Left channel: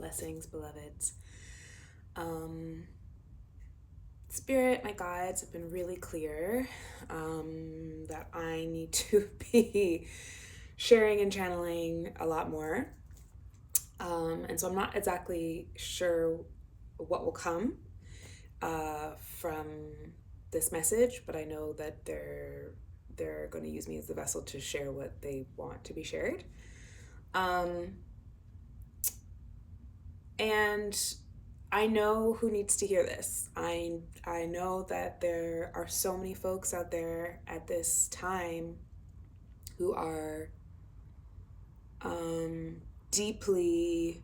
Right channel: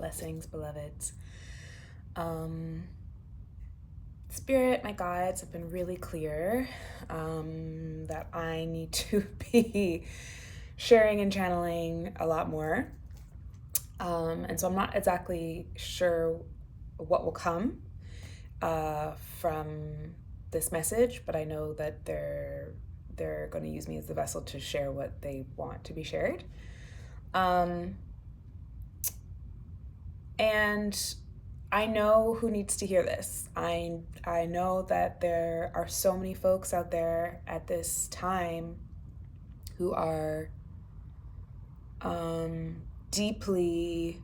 Blessings, beloveds. Spirit, my guides have been really clear that I need to be sharing and channeling a lot more. And so I'm not exactly sure what will come from this message, but I know that they're going to use me as the vessel to share what they want to be shared. And I know who needs to hear this. I know that there are so many folks out there at this time who are deeply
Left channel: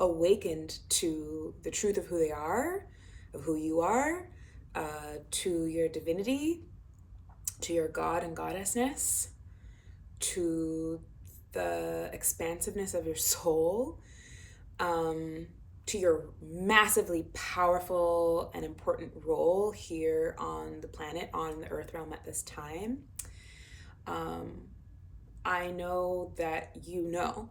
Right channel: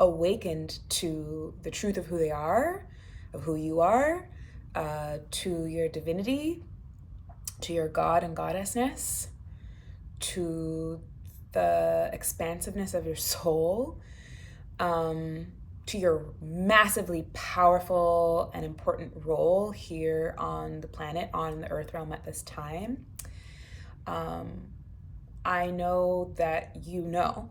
awakened to the truth of who they are, of who you are, to your divinity, to your God and goddessness, to the expansiveness of your soul, to your massively powerful and important role here on the planet, on the earth realm at this time. I know that you know,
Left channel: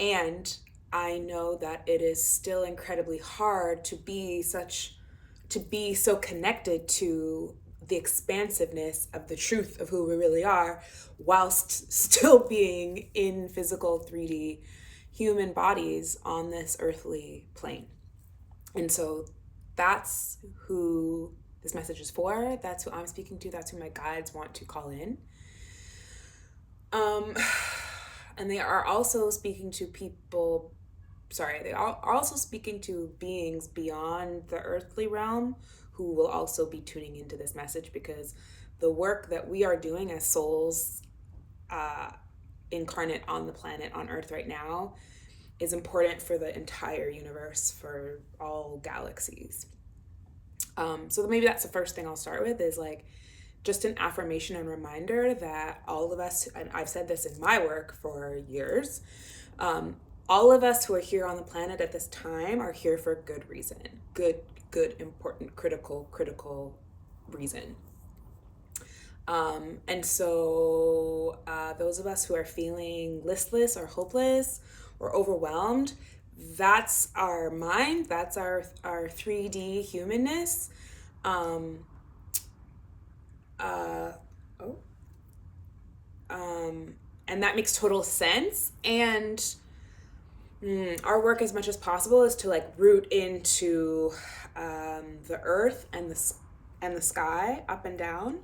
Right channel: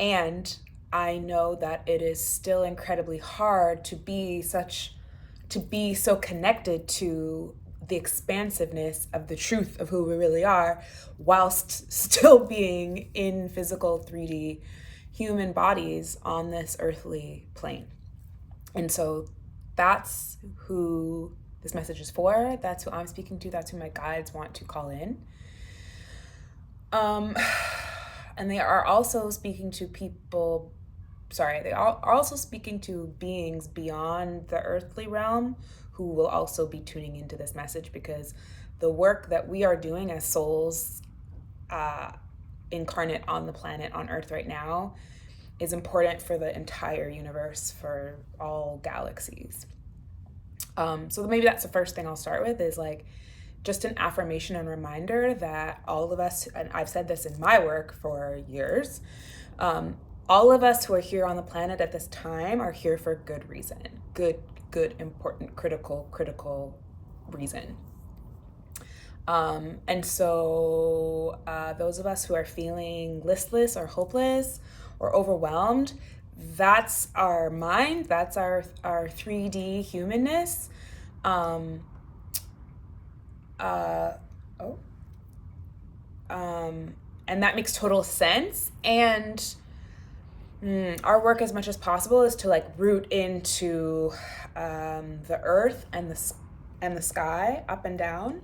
and I know that it is still incredibly hard to be so connected to the expansiveness of the truth of who we really are, whilst still being in physical 3D human bodies on this earthly plane. And so that's who this message is for. That's who I'm speaking to. That's who my guides want to call in. And they are also speaking to they are also speaking to beings beyond the earthly realm who will also be tuning into this message, because the work that we are doing as souls incarnate on the planet, on Earth right now, is important for the entire universe, for all galaxies. So maybe that's the first thing I'll start with, is like just an affirmation and reminder that all of us, and I've said this in my work for years, all of us who are here on the planet at this time are here for good reason. Good, important, critical reason. And so those of us who are feeling listless or hopeless or overwhelmed, that's our mind, that's our 3D humanness. And that makes total sense. And our work, as much as possible, is to like root into the earth and the sky, up and down,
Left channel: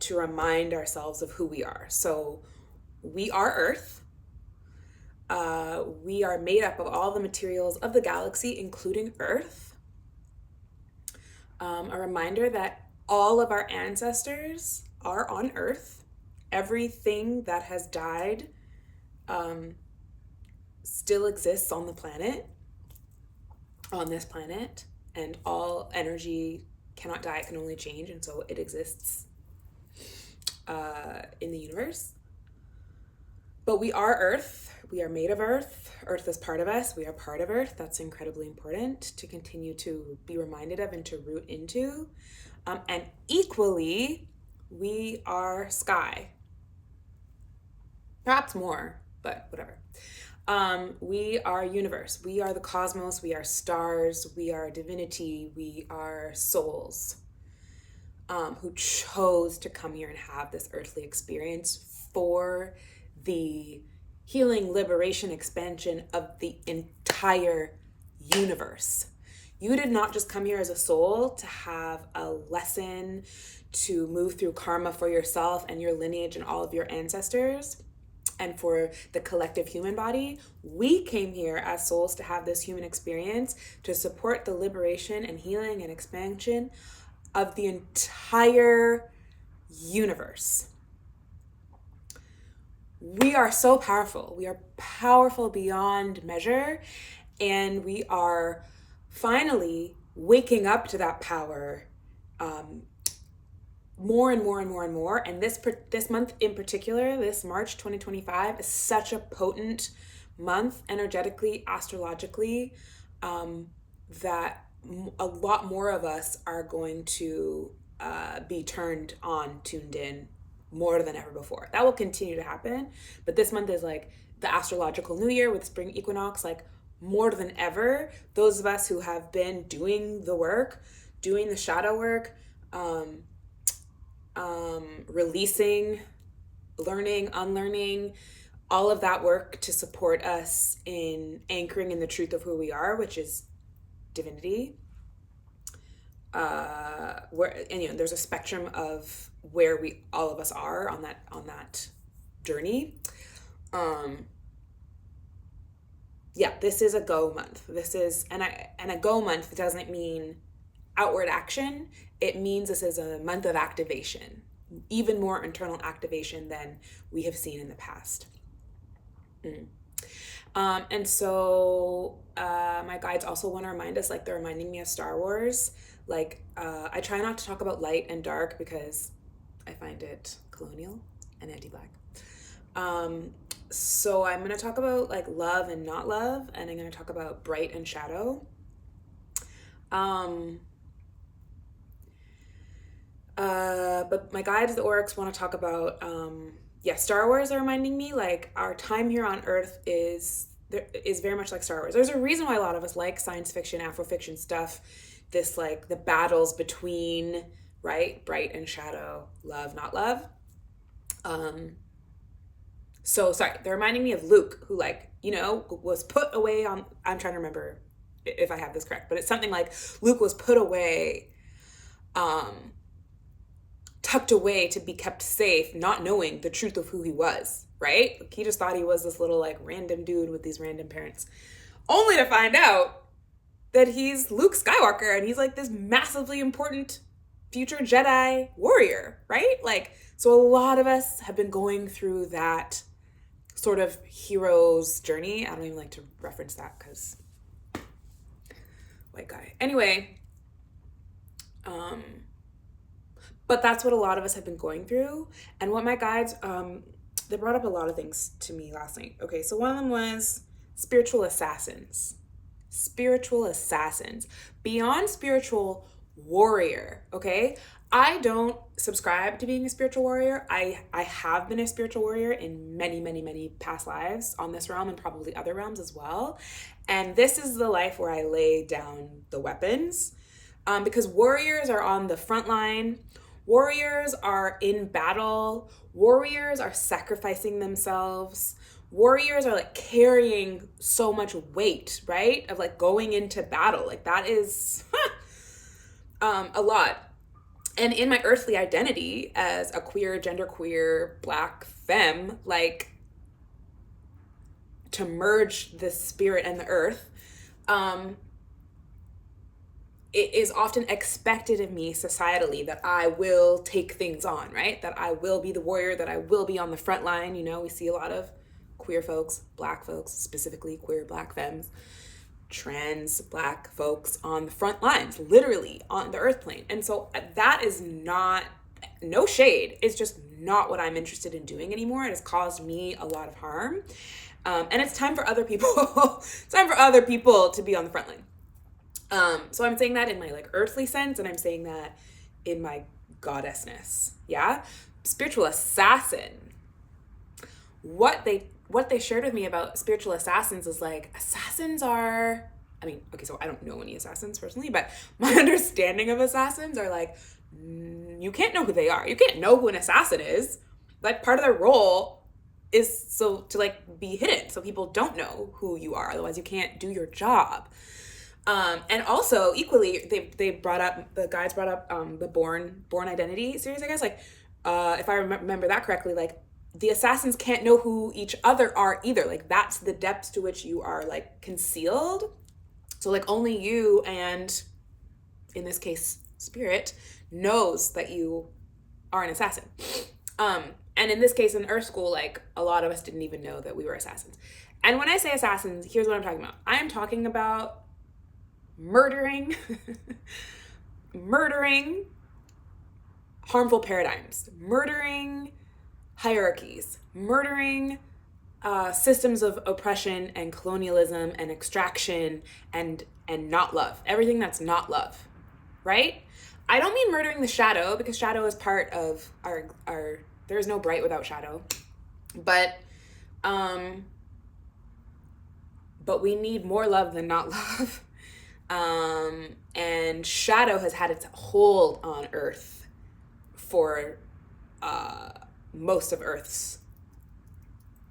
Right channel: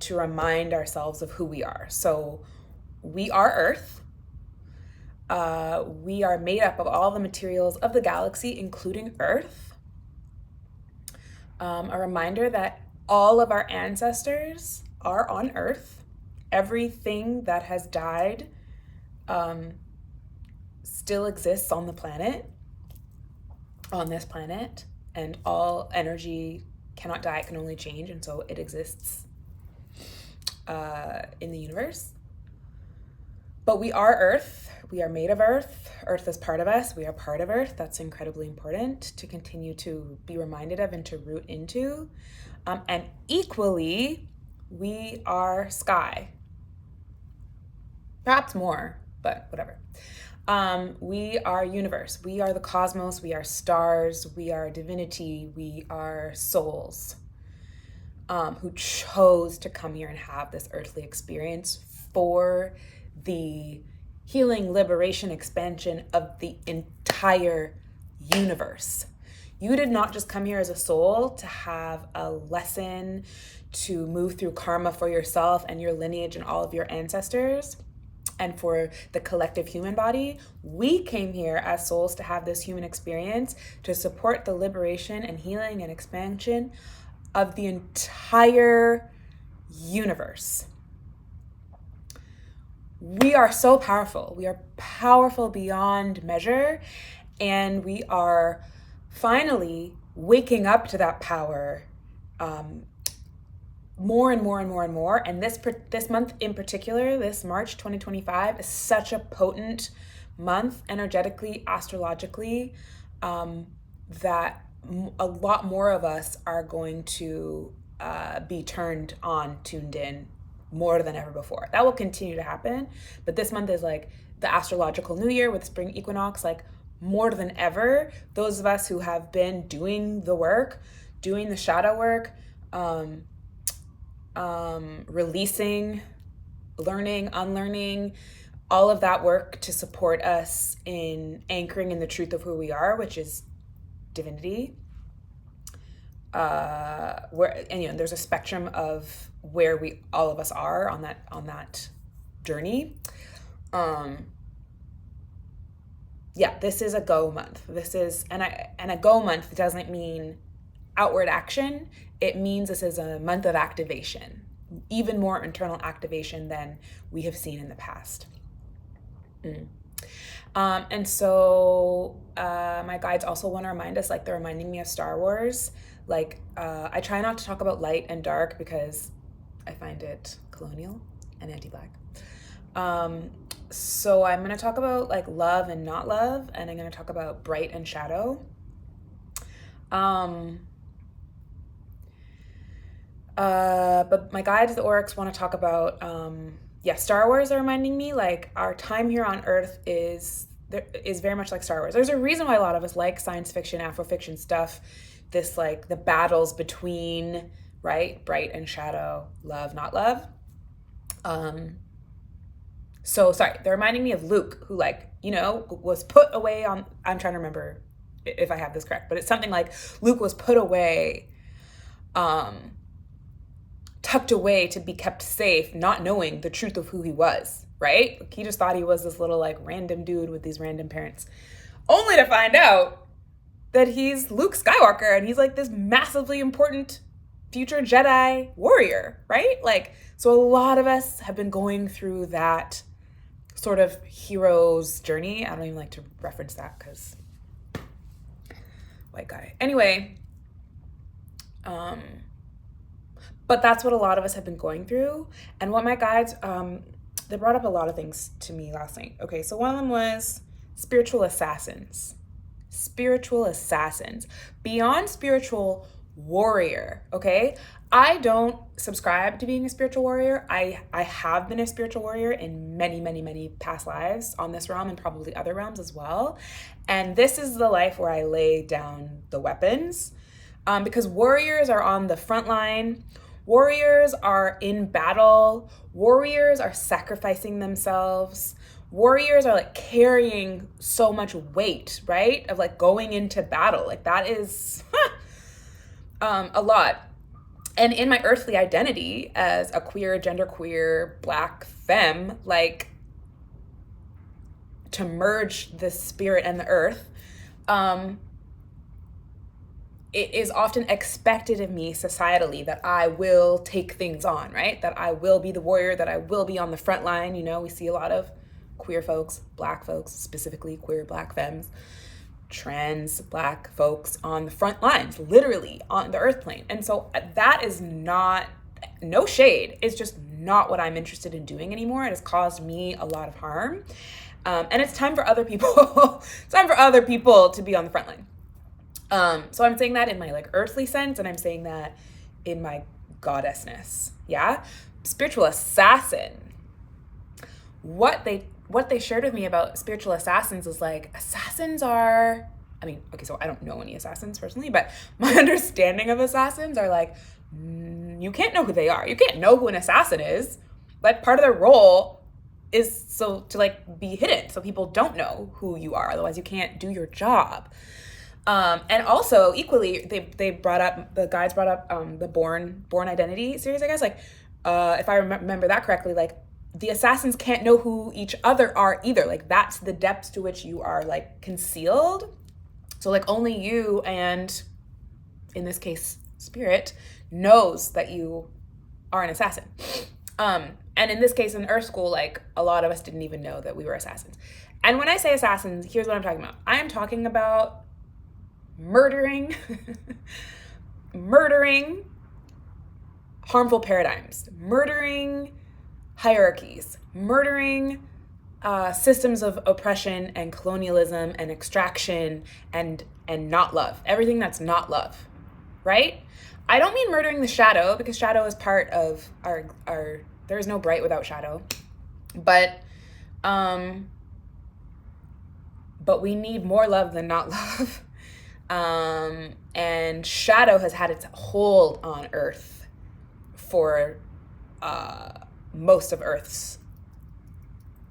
to remind ourselves of who we are. So we are Earth. We are made up of all the materials of the galaxy, including Earth. A reminder that all of our ancestors are on Earth. Everything that has died still exists on the planet, on this planet, and all energy cannot die, it can only change, and so it exists in the universe. But we are Earth. We are made of Earth. Earth is part of us. We are part of Earth. That's incredibly important to continue to be reminded of and to root into. And equally, we are sky. Perhaps more, but whatever. We are universe. We are the cosmos. We are stars. We are divinity. We are souls who chose to come here and have this earthly experience for the healing, liberation, expansion of the entire universe. You did not just come here as a soul to have a lesson, to move through karma for yourself and your lineage and all of your ancestors, and for the collective human body. We came here as souls to have this human experience, to support the liberation and healing and expansion of the entire universe. We are so powerful. We are powerful beyond measure, and we are finally waking up to that power more and more and more and more. And this month in particular, this March 2025, is such a potent month energetically, astrologically, that a lot more of us are going to be turned on, tuned in, more than ever before. That will continue to happen, but this month is like the astrological new year with spring equinox. Like more than ever, those of us who have been doing the work, doing the shadow work, releasing, learning, unlearning, all of that work to support us in anchoring in the truth of who we are, which is divinity. There's a spectrum of where all of us are on that journey. This is a go month. And a go month doesn't mean outward action. It means this is a month of activation, even more internal activation than we have seen in the past. And so my guides also want to remind us, like they're reminding me of Star Wars. Like I try not to talk about light and dark because I find it colonial and anti-Black. So I'm going to talk about like love and not love, and I'm going to talk about bright and shadow. But my guides, the Aurics, want to talk about Star Wars are reminding me like our time here on Earth is very much like Star Wars. There's a reason why a lot of us like science fiction, Afrofiction stuff, this like the battles between, right, bright and shadow, love, not love. So sorry, they're reminding me of Luke, who was put away on, I'm trying to remember if I have this correct, but it's something like Luke was put away, tucked away to be kept safe, not knowing the truth of who he was, right? Like, he just thought he was this little like random dude with these random parents, only to find out that he's Luke Skywalker and he's like this massively important future Jedi warrior, right? Like, so a lot of us have been going through that sort of hero's journey. I don't even like to reference that because white guy. Anyway, but that's what a lot of us have been going through. And what my guides, they brought up a lot of things to me last night. Okay, so one of them was spiritual assassins. Spiritual assassins. Beyond spiritual warrior, okay? I don't subscribe to being a spiritual warrior. I have been a spiritual warrior in many, many, many past lives on this realm and probably other realms as well. And this is the life where I lay down the weapons, because warriors are on the front line. Warriors are in battle. Warriors are sacrificing themselves. Warriors are like carrying so much weight, right? Of like going into battle. Like that is a lot. And in my earthly identity as a queer, genderqueer, Black femme, like to merge the spirit and the earth, it is often expected of me societally that I will take things on, right? That I will be the warrior, that I will be on the front line. You know, we see a lot of queer folks, Black folks, specifically queer Black femmes, trans Black folks on the front lines, literally on the earth plane. And so that is not, no shade, it's just not what I'm interested in doing anymore. It has caused me a lot of harm. And it's time for other people, it's time for other people to be on the front line. So I'm saying that in my like earthly sense, and I'm saying that in my goddessness. Yeah. Spiritual assassin. What they shared with me about spiritual assassins is like, assassins are, so I don't know any assassins personally, but my understanding of assassins are like, you can't know who they are. You can't know who an assassin is. Like part of their role is so to like be hidden so people don't know who you are. Otherwise you can't do your job. And also equally, the guides brought up the Born Identity series, I guess. Like, if I remember that correctly, like the assassins can't know who each other are either. Like that's the depths to which you are like concealed. So like only you and in this case, spirit knows that you are an assassin. And in this case, in Earth School, like a lot of us didn't even know that we were assassins. And when I say assassins, here's what I'm talking about. I am talking about murdering harmful paradigms, murdering hierarchies, murdering systems of oppression and colonialism and extraction and not love, everything that's not love, right? I don't mean murdering the shadow, because shadow is part of our There is no bright without shadow. But we need more love than not love. And shadow has had its hold on Earth for most of Earth's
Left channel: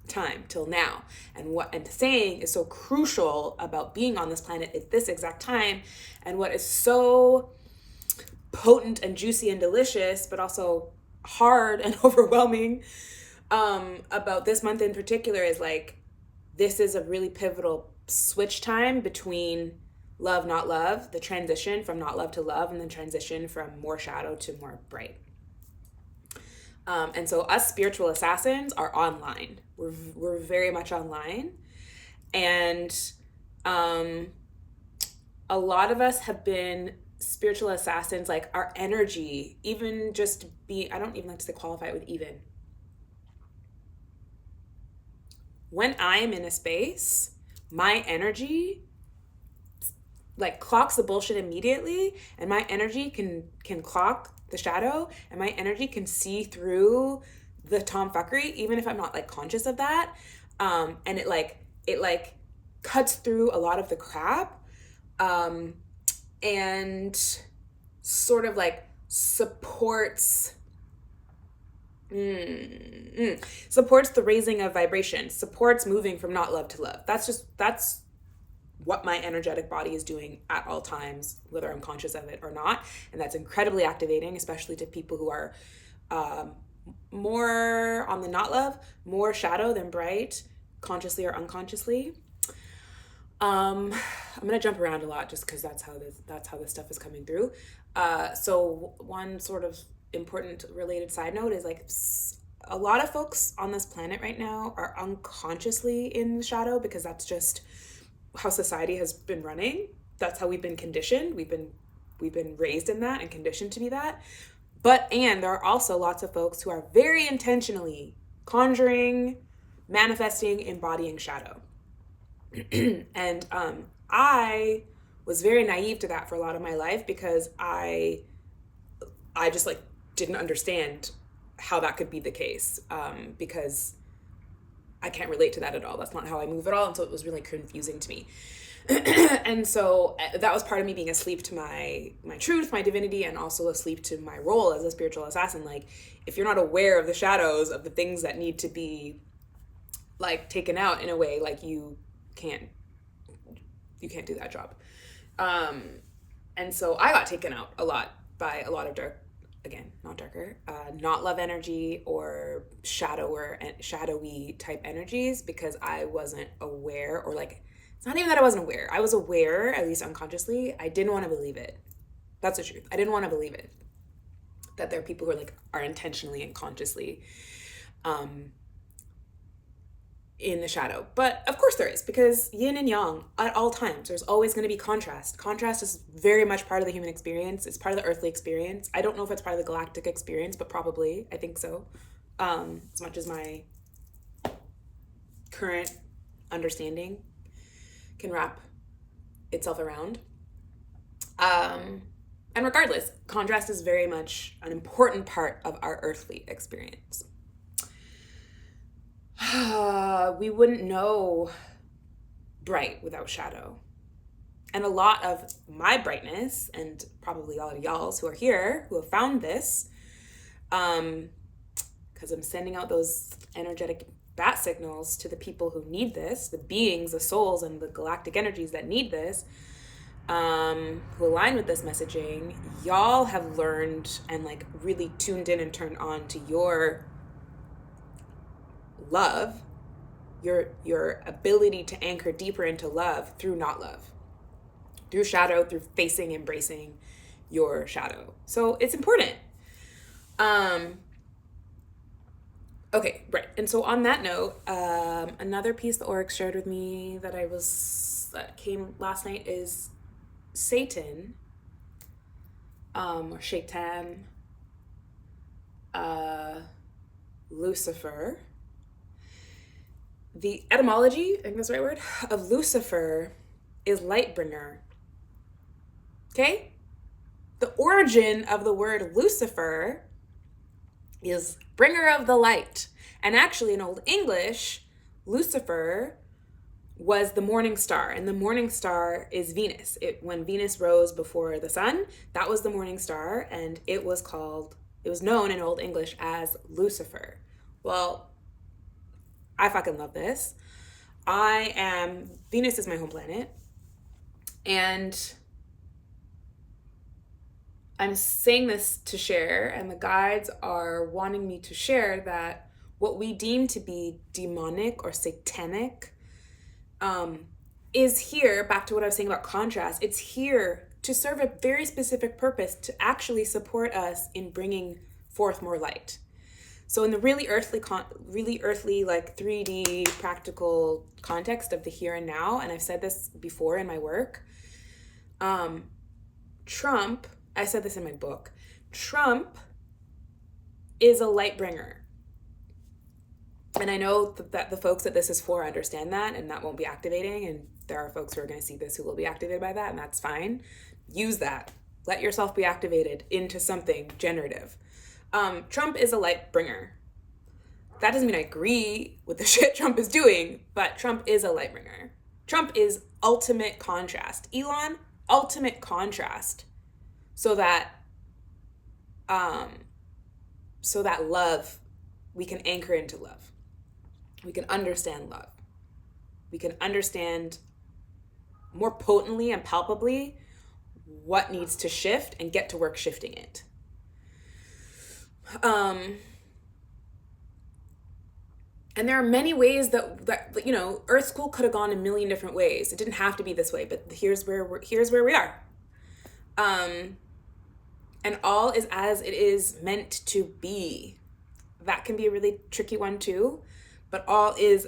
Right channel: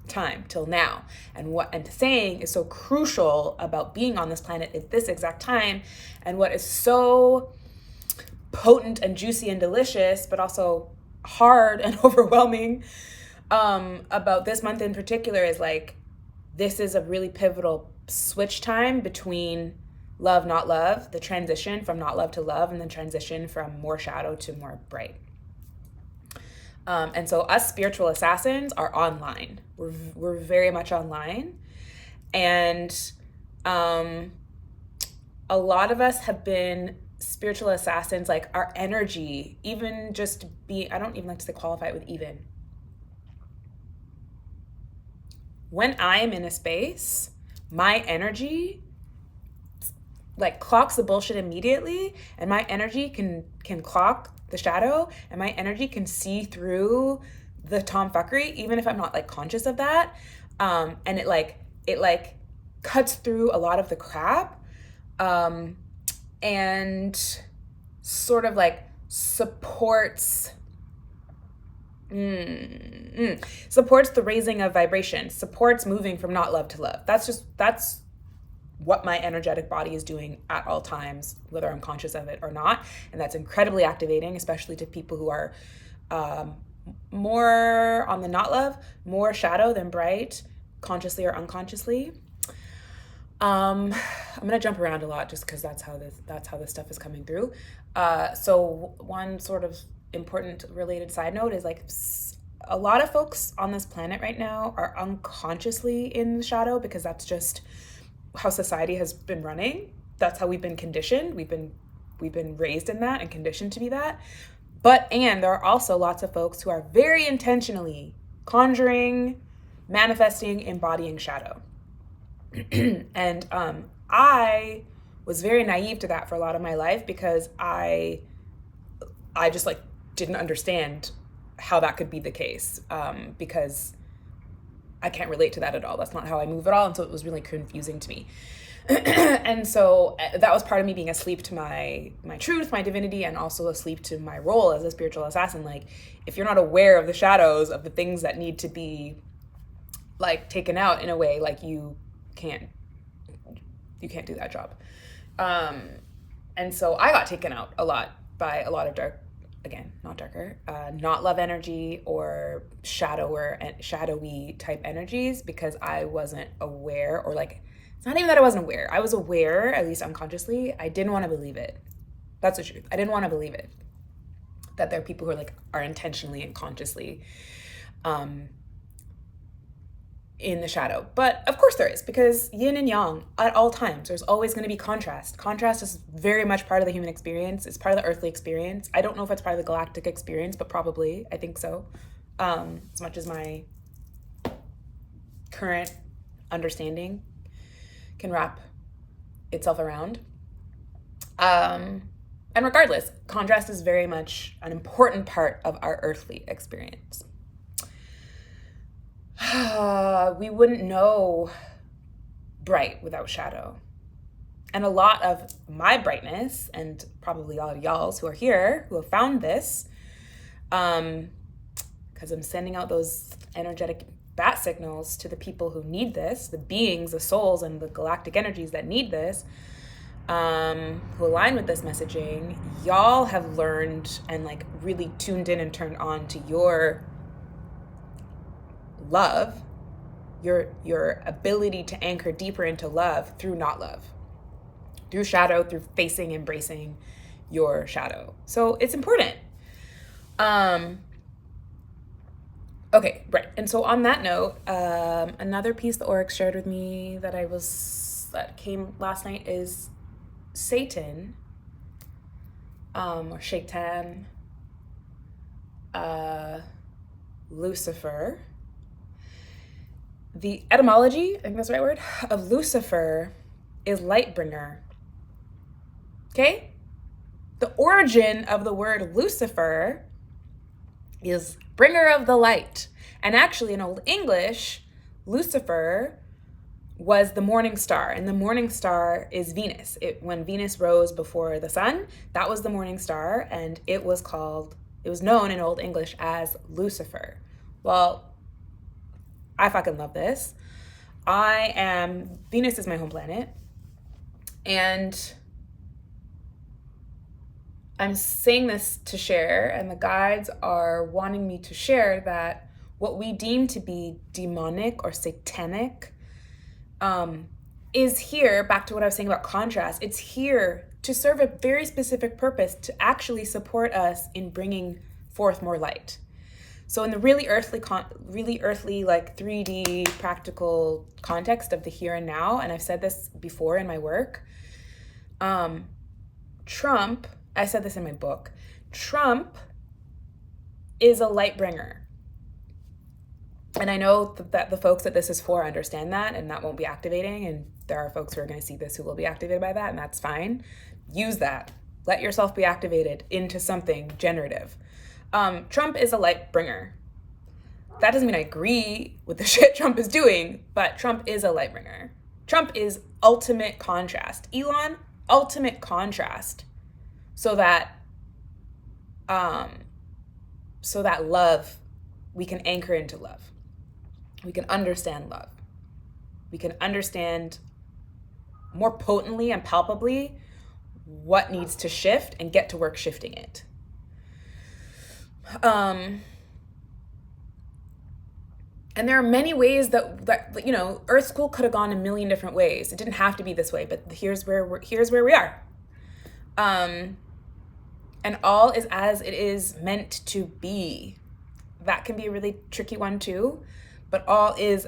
time till now. And what I'm saying is so crucial about being on this planet at this exact time, and what is so potent and juicy and delicious, but also hard and overwhelming about this month in particular, is like, this is a really pivotal switch time between love, not love, the transition from not love to love, and the transition from more shadow to more bright. And so us spiritual assassins are online. We're very much online. And a lot of us have been spiritual assassins, like our energy, even just I don't even like to say qualify it with even. When I am in a space, my energy like clocks the bullshit immediately, and my energy can clock the shadow, and my energy can see through the tomfuckery, even if I'm not like conscious of that. And it cuts through a lot of the crap, and sort of like supports the raising of vibration, supports moving from not love to love. That's what my energetic body is doing at all times, whether I'm conscious of it or not. And that's incredibly activating, especially to people who are more on the not love, more shadow than bright, consciously or unconsciously. I'm gonna jump around a lot just because that's how this stuff is coming through. So one sort of important related side note is like, a lot of folks on this planet right now are unconsciously in the shadow, because that's just how society has been running. That's how we've been conditioned. We've been raised in that and conditioned to be that. And there are also lots of folks who are very intentionally conjuring, manifesting, embodying shadow. And I was very naive to that for a lot of my life, because I just like didn't understand how that could be the case, because I can't relate to that at all. That's not how I move at all. And so it was really confusing to me. And so that was part of me being asleep to my truth, my divinity, and also asleep to my role as a spiritual assassin. Like, if you're not aware of the shadows of the things that need to be like taken out in a way, like you can't do that job. And so I got taken out a lot by a lot of not love energy or shadowy type energies, because I wasn't aware, or like, it's not even that I wasn't aware. I was aware, at least unconsciously. I didn't want to believe it. That's the truth. I didn't want to believe it. That there are people who are intentionally and consciously in the shadow. But of course there is, because yin and yang at all times, there's always going to be contrast. Contrast is very much part of the human experience. It's part of the earthly experience. I don't know if it's part of the galactic experience, but probably, I think so. As much as my current understanding can wrap itself around. And regardless, contrast is very much an important part of our earthly experience. We wouldn't know bright without shadow. And a lot of my brightness, and probably all of y'all's who are here, who have found this, because I'm sending out those energetic bat signals to the people who need this, the beings, the souls, and the galactic energies that need this, who align with this messaging. Y'all have learned and like really tuned in and turned on to your love, your ability to anchor deeper into love through not love, through shadow, through facing, embracing your shadow. So it's important. Okay, right. And so on that note, another piece the Aurics shared with me that came last night is Satan, or Shaitan, Lucifer. The etymology, I think that's the right word, of Lucifer is light bringer. Okay? The origin of the word Lucifer is bringer of the light. And actually in Old English, Lucifer was the morning star, and the morning star is Venus. When Venus rose before the sun, that was the morning star, and it was known in Old English as Lucifer. Well, I fucking love this. Venus is my home planet, and I'm saying this to share, and the guides are wanting me to share that what we deem to be demonic or satanic is here, back to what I was saying about contrast, it's here to serve a very specific purpose, to actually support us in bringing forth more light. So in the really earthly, like 3D practical context of the here and now, and I've said this before in my work, Trump, I said this in my book, Trump is a light bringer. And I know that the folks that this is for understand that, and that won't be activating. And there are folks who are going to see this who will be activated by that, and that's fine. Use that. Let yourself be activated into something generative. Trump is a light bringer. That doesn't mean I agree with the shit Trump is doing, but Trump is a light bringer. Trump is ultimate contrast. Elon, ultimate contrast. So that love, we can anchor into love. We can understand love. We can understand more potently and palpably what needs to shift and get to work shifting it. And there are many ways that Earth School could have gone a million different ways. It didn't have to be this way, but here's where we are. And all is as it is meant to be. That can be a really tricky one too. But all is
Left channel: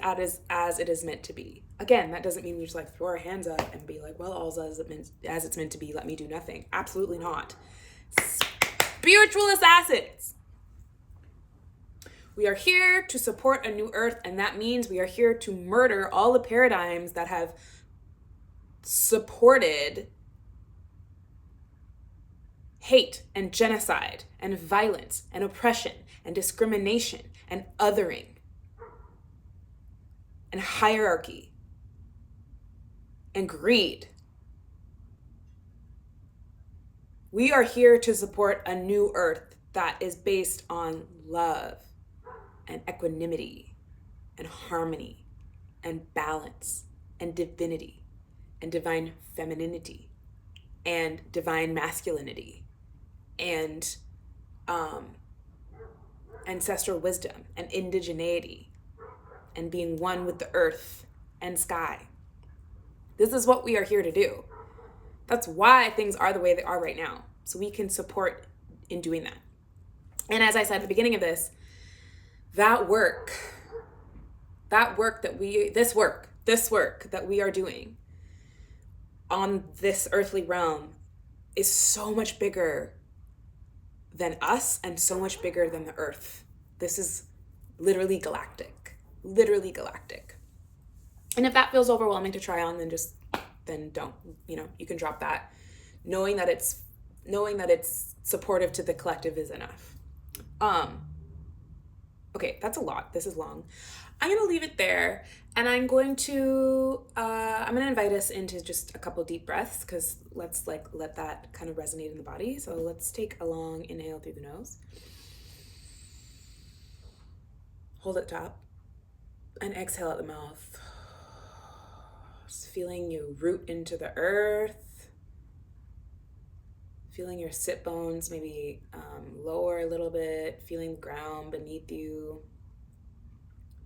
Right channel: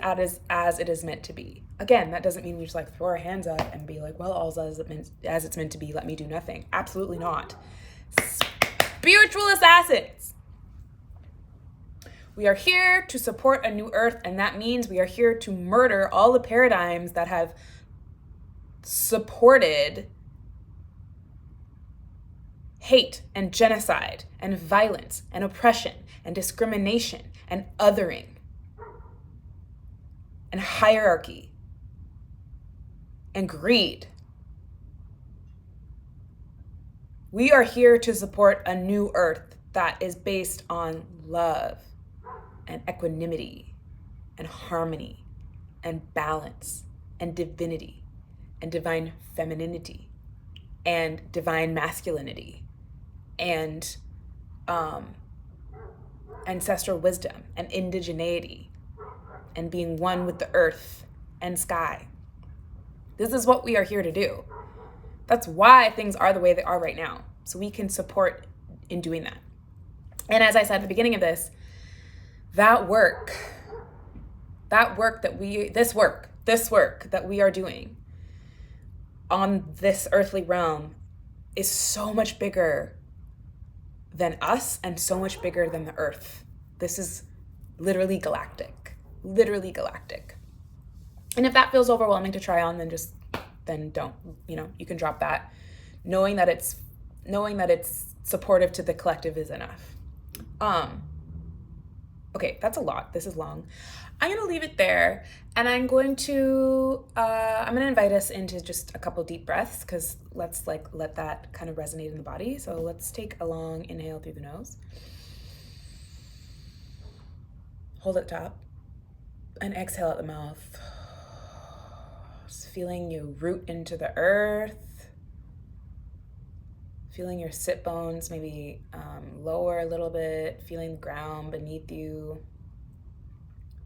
as it is meant to be. Again, that doesn't mean we just like throw our hands up and be like, well, all's as it's meant to be, let me do nothing. Absolutely not. Spiritual assassins. We are here to support a new earth, and that means we are here to murder all the paradigms that have supported hate and genocide and violence and oppression and discrimination and othering and hierarchy and greed. We are here to support a new earth that is based on love and equanimity and harmony and balance and divinity and divine femininity and divine masculinity and ancestral wisdom and indigeneity and being one with the earth and sky. This is what we are here to do. That's why things are the way they are right now. So we can support in doing that. And as I said at the beginning of this, this work that we are doing on this earthly realm is so much bigger than us and so much bigger than the earth. This is literally galactic. And if that feels overwhelming to try on, then don't, you can drop that. Knowing that it's supportive to the collective is enough. Okay, that's a lot. This is long. I'm going to leave it there, and I'm going to invite us into just a couple deep breaths, because let's let that kind of resonate in the body. So let's take a long inhale through the nose. Hold at the top. And exhale at the mouth. Just feeling you root into the earth. Feeling your sit bones maybe lower a little bit. Feeling the ground beneath you.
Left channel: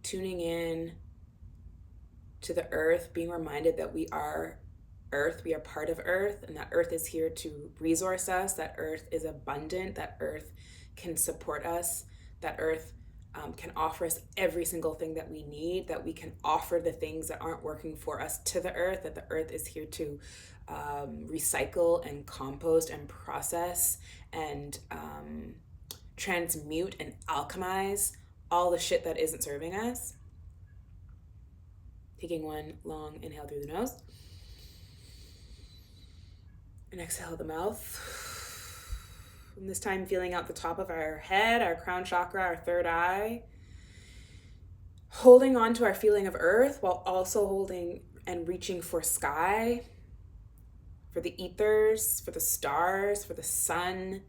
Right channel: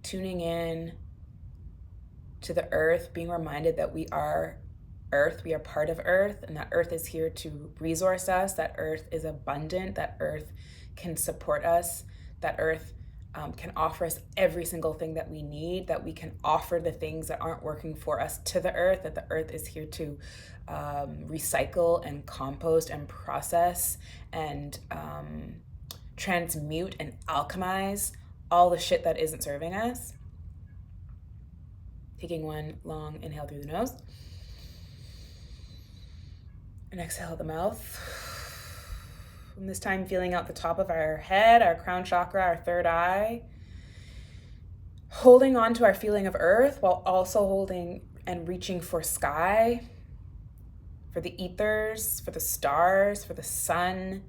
Tuning in to the earth. Being reminded that we are earth. We are part of earth. And that earth is here to resource us. That earth is abundant. That earth can support us. That earth can offer us every single thing that we need, that we can offer the things that aren't working for us to the earth, that the earth is here to recycle and compost and process and transmute and alchemize all the shit that isn't serving us. Taking one long inhale through the nose and exhale the mouth. From this time, feeling out the top of our head, our crown chakra, our third eye, holding on to our feeling of earth while also holding and reaching for sky, for the ethers, for the stars, for the sun,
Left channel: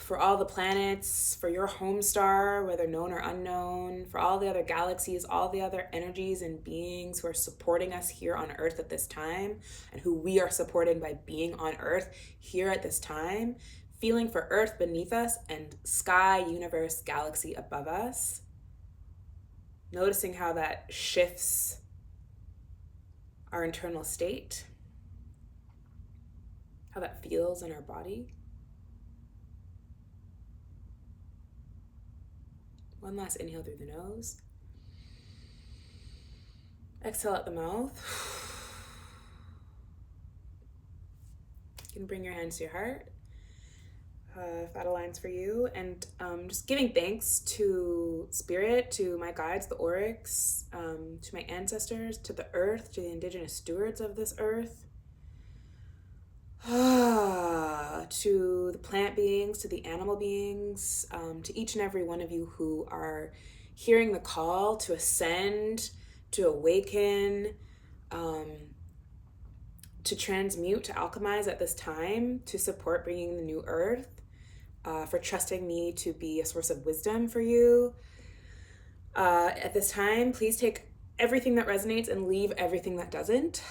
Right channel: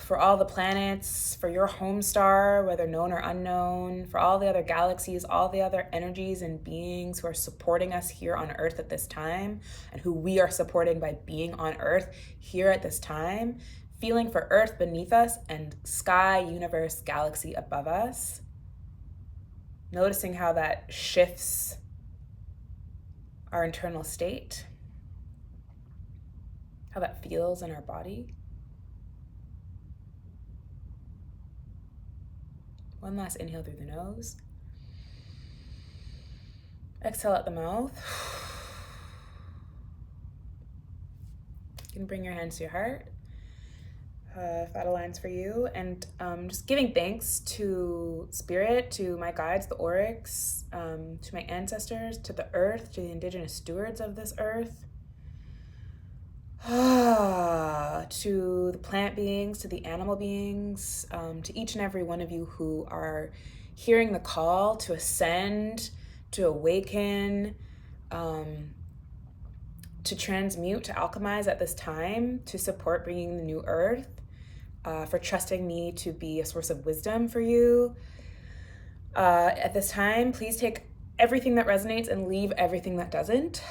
for all the planets, for your home star, whether known or unknown, for all the other galaxies, all the other energies and beings who are supporting us here on Earth at this time, and who we are supporting by being on Earth here at this time, feeling for Earth beneath us and sky, universe, galaxy above us, noticing how that shifts our internal state, how that feels in our body. One last inhale through the nose. Exhale out the mouth. You can bring your hands to your heart, if that aligns for you. And just giving thanks to Spirit, to my guides, the Aurics, to my ancestors, to the earth, to the indigenous stewards of this earth, to the plant beings, to the animal beings, to each and every one of you who are hearing the call to ascend, to awaken, to transmute, to alchemize at this time, to support bringing the new earth, for trusting me to be a source of wisdom for you. At this time, please take everything that resonates and leave everything that doesn't.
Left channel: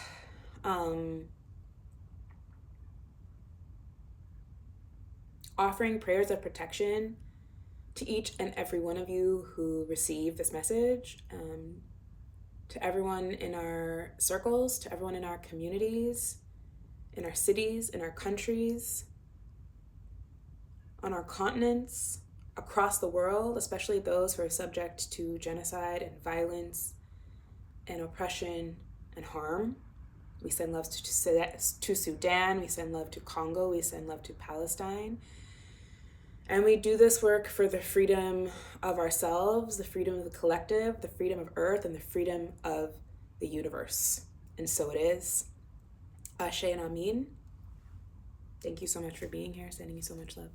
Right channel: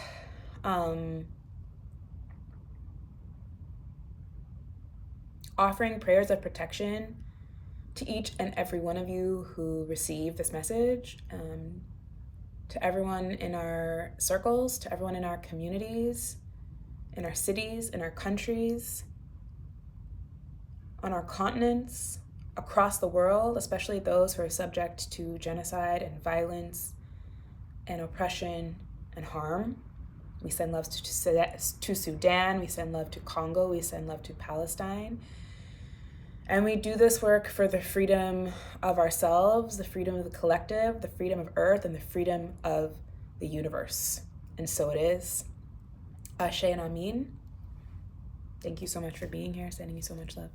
Offering prayers of protection to each and every one of you who receive this message, to everyone in our circles, to everyone in our communities, in our cities, in our countries, on our continents, across the world, especially those who are subject to genocide and violence and oppression and harm. We send love to Sudan, we send love to Congo, we send love to Palestine. And we do this work for the freedom of ourselves, the freedom of the collective, the freedom of Earth, and the freedom of the universe. And so it is. Ashe and Amin. Thank you so much for being here. Sending you so much love.